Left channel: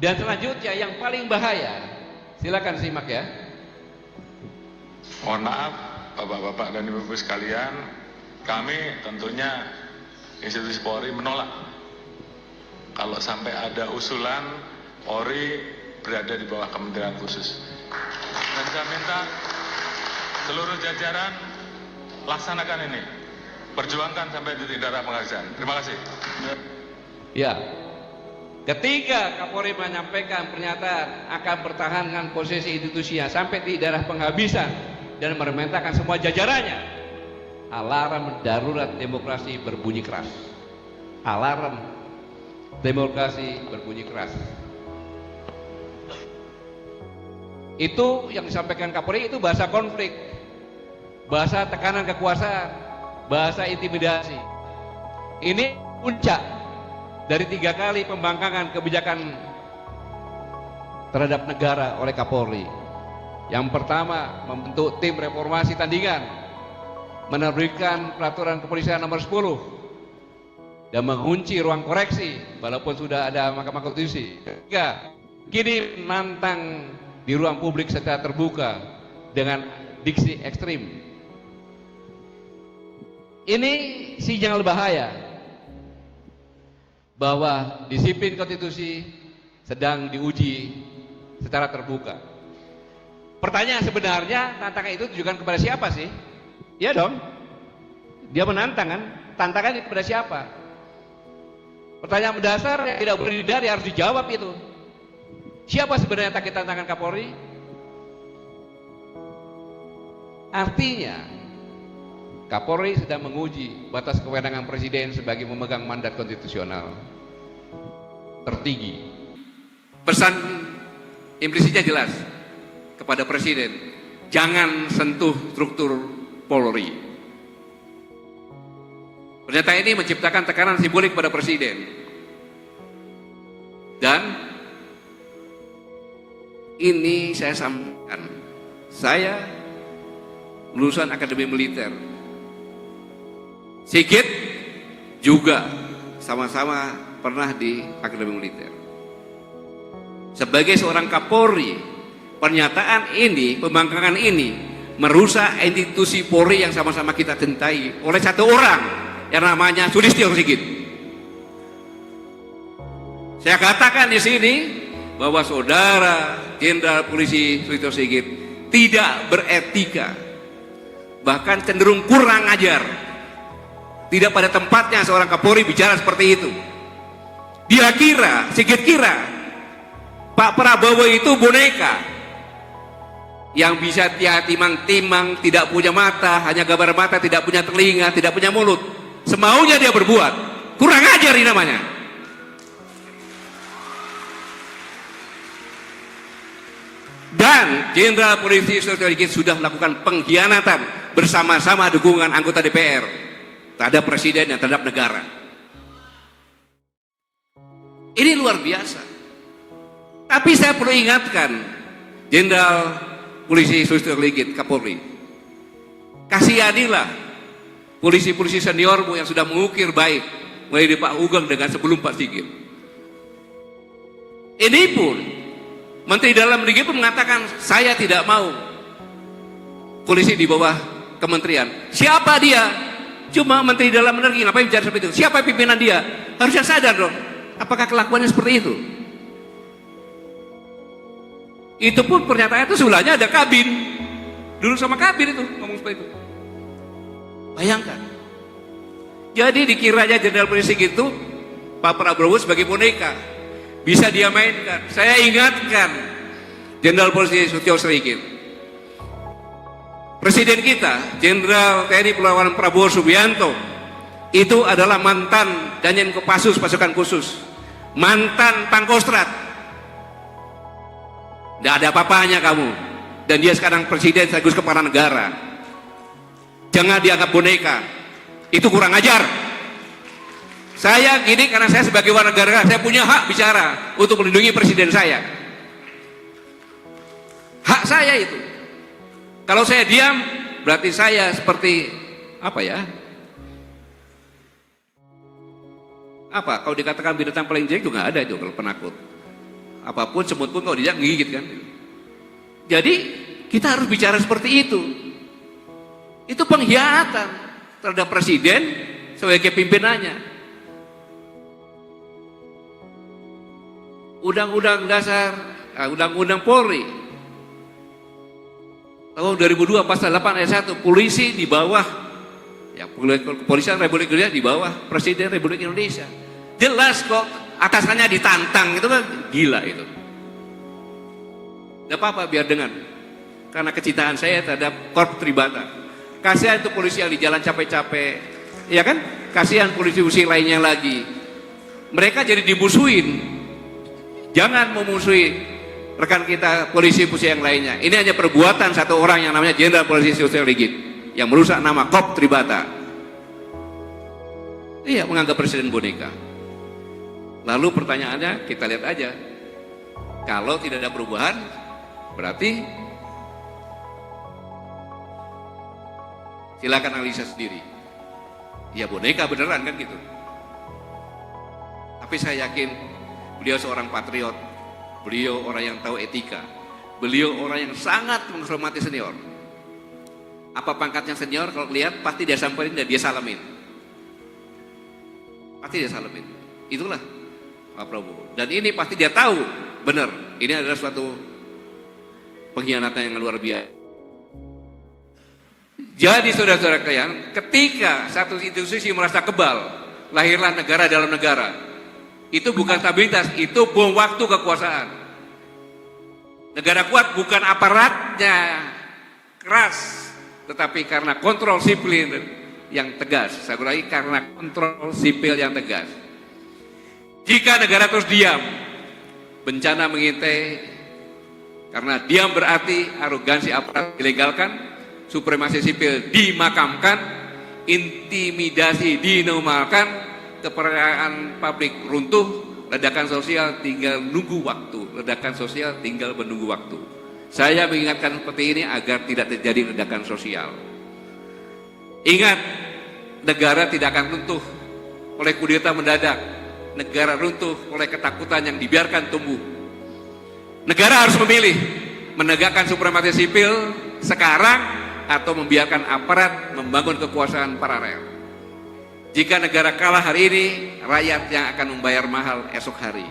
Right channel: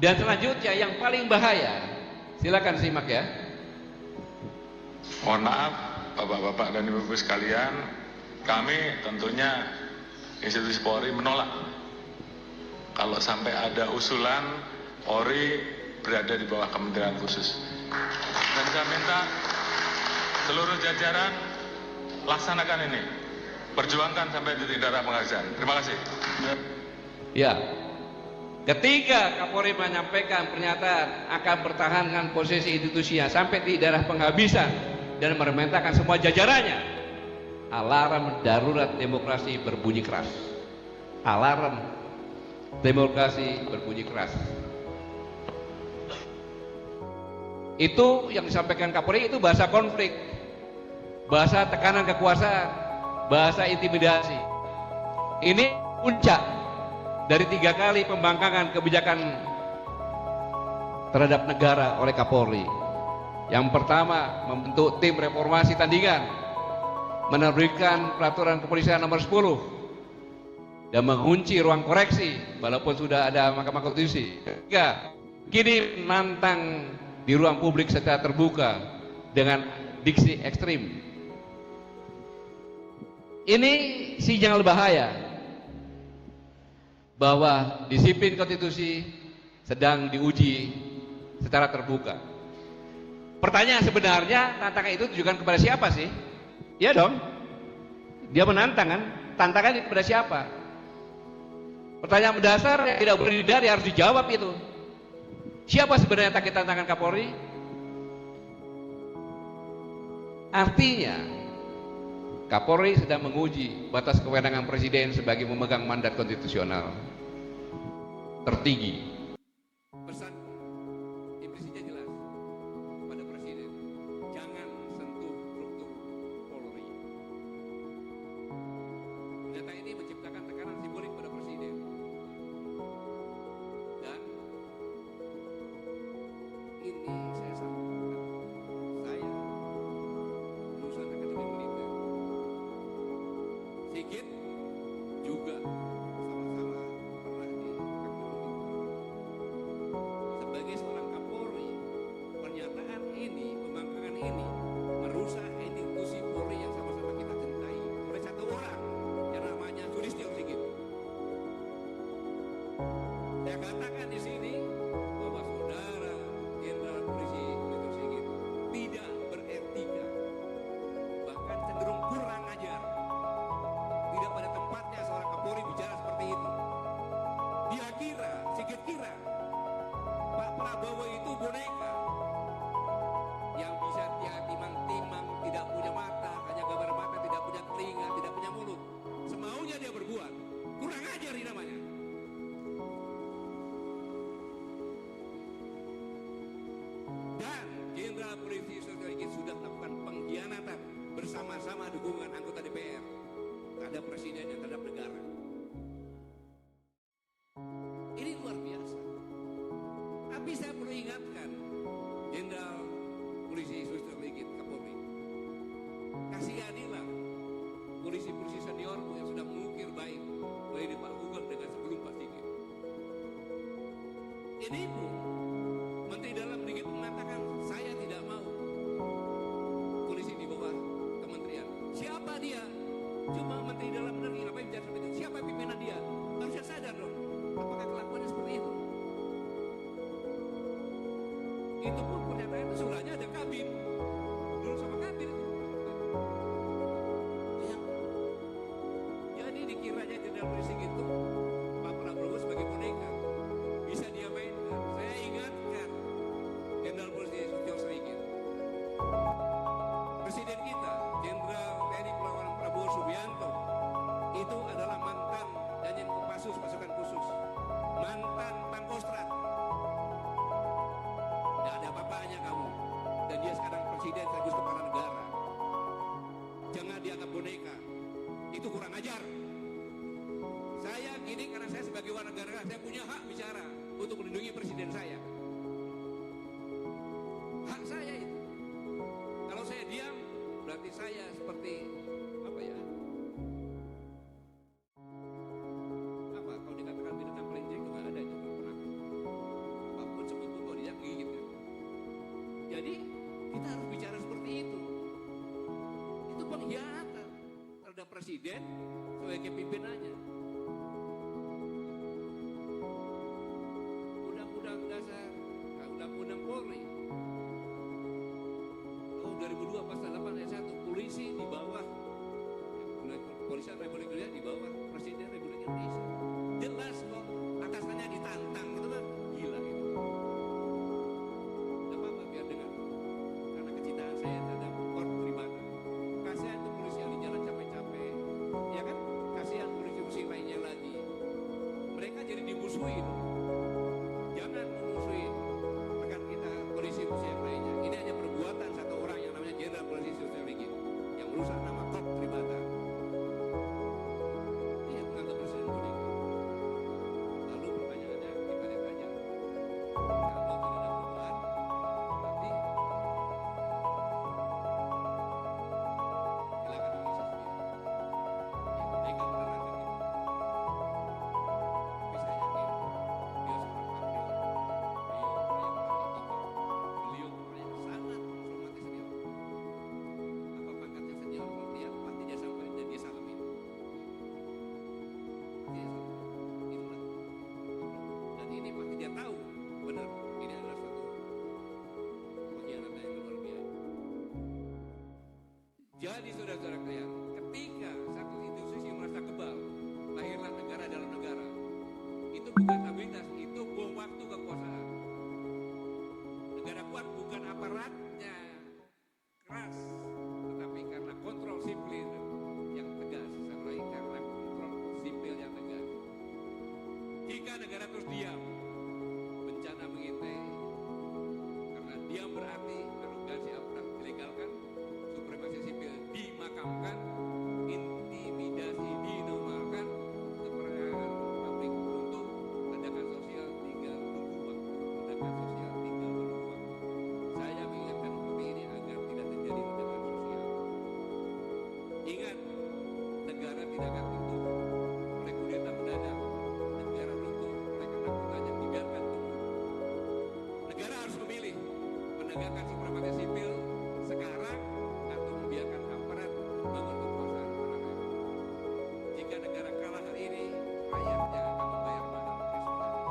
Dan selanjutnya yang paling bahaya, silakan simak ya. Mohon maaf Bapak-bapak dan Ibu-ibu sekalian, kami tentunya institusi Polri menolak kalau sampai ada usulan Polri berada di bawah Kementerian Khusus. Dan saya minta seluruh jajaran laksanakan ini, perjuangkan sampai titik darah penghabisan. Terima kasih. Ya, ketika Kapolri menyampaikan pernyataan akan pertahankan posisi institusinya sampai di darah penghabisan dan memerintahkan semua jajarannya, alarm darurat demokrasi berbunyi keras. Alarm demokrasi berbunyi keras. Itu yang disampaikan Kapolri itu bahasa konflik, bahasa tekanan kekuasaan, bahasa intimidasi. Ini puncak dari 3 kali pembangkangan kebijakan terhadap negara oleh Kapolri. Yang pertama, membentuk tim reformasi tandingan, menerbitkan peraturan kepolisian nomor 10 dan mengunci ruang koreksi walaupun sudah ada Mahkamah Konstitusi. Ketiga, kini menantang di ruang publik secara terbuka dengan diksi ekstrim. Ini sinyal bahaya bahwa disiplin konstitusi sedang diuji secara terbuka. Pertanyaan sebenarnya, tantangan itu ditujukan kepada siapa sih? Ya dong, dia menantang kan? Tantangan itu kepada siapa? Pertanyaan mendasar yang tidak boleh dihindari harus dijawab itu. Siapa sebenarnya target tantangan Kapolri? Artinya Kapolri sedang menguji batas kewenangan Presiden sebagai memegang mandat konstitusional tertinggi. Pesan implisitnya jelas kepada Presiden, jangan sentuh struktur Polri. Pernyataan ini menciptakan tekanan simbolik pada Presiden. Dan ini saya sampaikan, saya lulusan Akademi Militer, Sigit juga sama-sama pernah di Akademi Militer. Sebagai seorang Kapolri, pernyataan ini, pembangkangan ini merusak institusi Polri yang sama-sama kita cintai oleh satu orang yang namanya Sulistyo Sigit. Saya katakan di sini bahwa saudara Jenderal Polisi Sulistyo Sigit tidak beretika, bahkan cenderung kurang ajar. Tidak pada tempatnya seorang Kapolri bicara seperti itu. Dia kira, Sigit kira Pak Prabowo itu boneka yang bisa timang-timang, tidak punya mata, hanya gambar mata, tidak punya telinga, tidak punya mulut, semaunya dia berbuat. Kurang ajar ini namanya. Dan Jenderal Polisi Sulistyo Sigit sudah melakukan pengkhianatan bersama-sama dukungan anggota DPR terhadap Presiden dan terhadap negara. Ini luar biasa. Tapi saya perlu ingatkan Jenderal Polisi Sulistyo Sigit, Kapolri, kasihanilah polisi-polisi seniormu yang sudah mengukir baik mulai dari Pak Ugeng dengan sebelum Pak Sigit. Ini pun Menteri Dalam Negeri pun mengatakan, saya tidak mau polisi di bawah kementerian. Siapa dia? Cuma Menteri Dalam Negeri, ngapain bicara seperti itu? Siapa pimpinan dia? Harusnya sadar dong, apakah kelakuannya seperti itu? Itu pun pernyataannya itu sebelahnya ada Kabin. Dulu sama Kabin itu ngomong seperti itu. Bayangkan. Jadi dikiranya Jenderal Polisi gitu Pak Prabowo sebagai boneka, bisa dia mainkan. Saya ingatkan Jenderal Polisi Sulistyo Sigit, Presiden kita, Jenderal TNI Purnawirawan Prabowo Subianto, itu adalah mantan Danjen Kopassus pasukan khusus, mantan Pangkostrat. Tidak ada apa-apanya kamu. Dan dia sekarang Presiden sekaligus kepala negara. Jangan dianggap boneka. Itu kurang ajar. Saya gini karena saya sebagai warga negara, saya punya hak bicara untuk melindungi Presiden saya. Hak saya itu. Kalau saya diam, berarti saya seperti apa ya? Apa? Kalau dikatakan binatang paling jelek juga nggak ada itu kalau penakut. Apapun, semut pun kalau dijak gigit kan. Jadi kita harus bicara seperti itu. Itu pengkhianatan terhadap presiden sebagai pimpinannya. Undang-undang dasar, Undang-Undang Polri tahun 2002 pasal 8 ayat 1, polisi di bawah, ya, Kepolisian Republik Indonesia di bawah Presiden Republik Indonesia. Jelas kok, atasannya ditantang, itu kan gila itu. Gak apa-apa, biar dengan, karena kecintaan saya terhadap Korps Tribata. Kasihan itu polisi yang di jalan capek-capek, ya kan? Kasihan polisi-polisi lainnya lagi. Mereka jadi dimusuhin. Jangan memusuhi rekan kita polisi-polisi yang lainnya. Ini hanya perbuatan satu orang yang namanya Jenderal Polisi Sulistyo Sigit yang merusak nama Korps Tribata. Iya, menganggap presiden boneka. Lalu pertanyaannya, kita lihat aja. Kalau tidak ada perubahan, berarti silakan analisa sendiri. Ya boneka beneran kan gitu. Tapi saya yakin beliau seorang patriot. Beliau orang yang tahu etika. Beliau orang yang sangat menghormati senior. Apa pangkatnya senior, kalau lihat pasti dia samperin dan dia salamin. Pasti dia salamin. Itulah Pak Prabowo. Dan ini pasti dia tahu benar. Ini adalah suatu pengkhianatan yang luar biasa. Jadi saudara-saudara kalian, ketika satu institusi merasa kebal, lahirlah negara dalam negara. Itu bukan stabilitas, itu bom waktu kekuasaan. Negara kuat bukan aparatnya keras, tetapi karena kontrol sipil yang tegas. Saya ulangi, karena kontrol sipil yang tegas. Jika negara terus diam, bencana mengintai. Karena diam berarti arogansi aparat dilegalkan, supremasi sipil dimakamkan, intimidasi dinormalkan, kepercayaan publik runtuh, ledakan sosial tinggal nunggu waktu. Ledakan sosial tinggal menunggu waktu. Saya mengingatkan seperti ini agar tidak terjadi ledakan sosial. Ingat, negara tidak akan runtuh oleh kudeta mendadak. Negara runtuh oleh ketakutan yang dibiarkan tumbuh. Negara harus memilih, menegakkan supremasi sipil sekarang atau membiarkan aparat membangun kekuasaan paralel. Jika negara kalah hari ini, rakyat yang akan membayar mahal esok hari.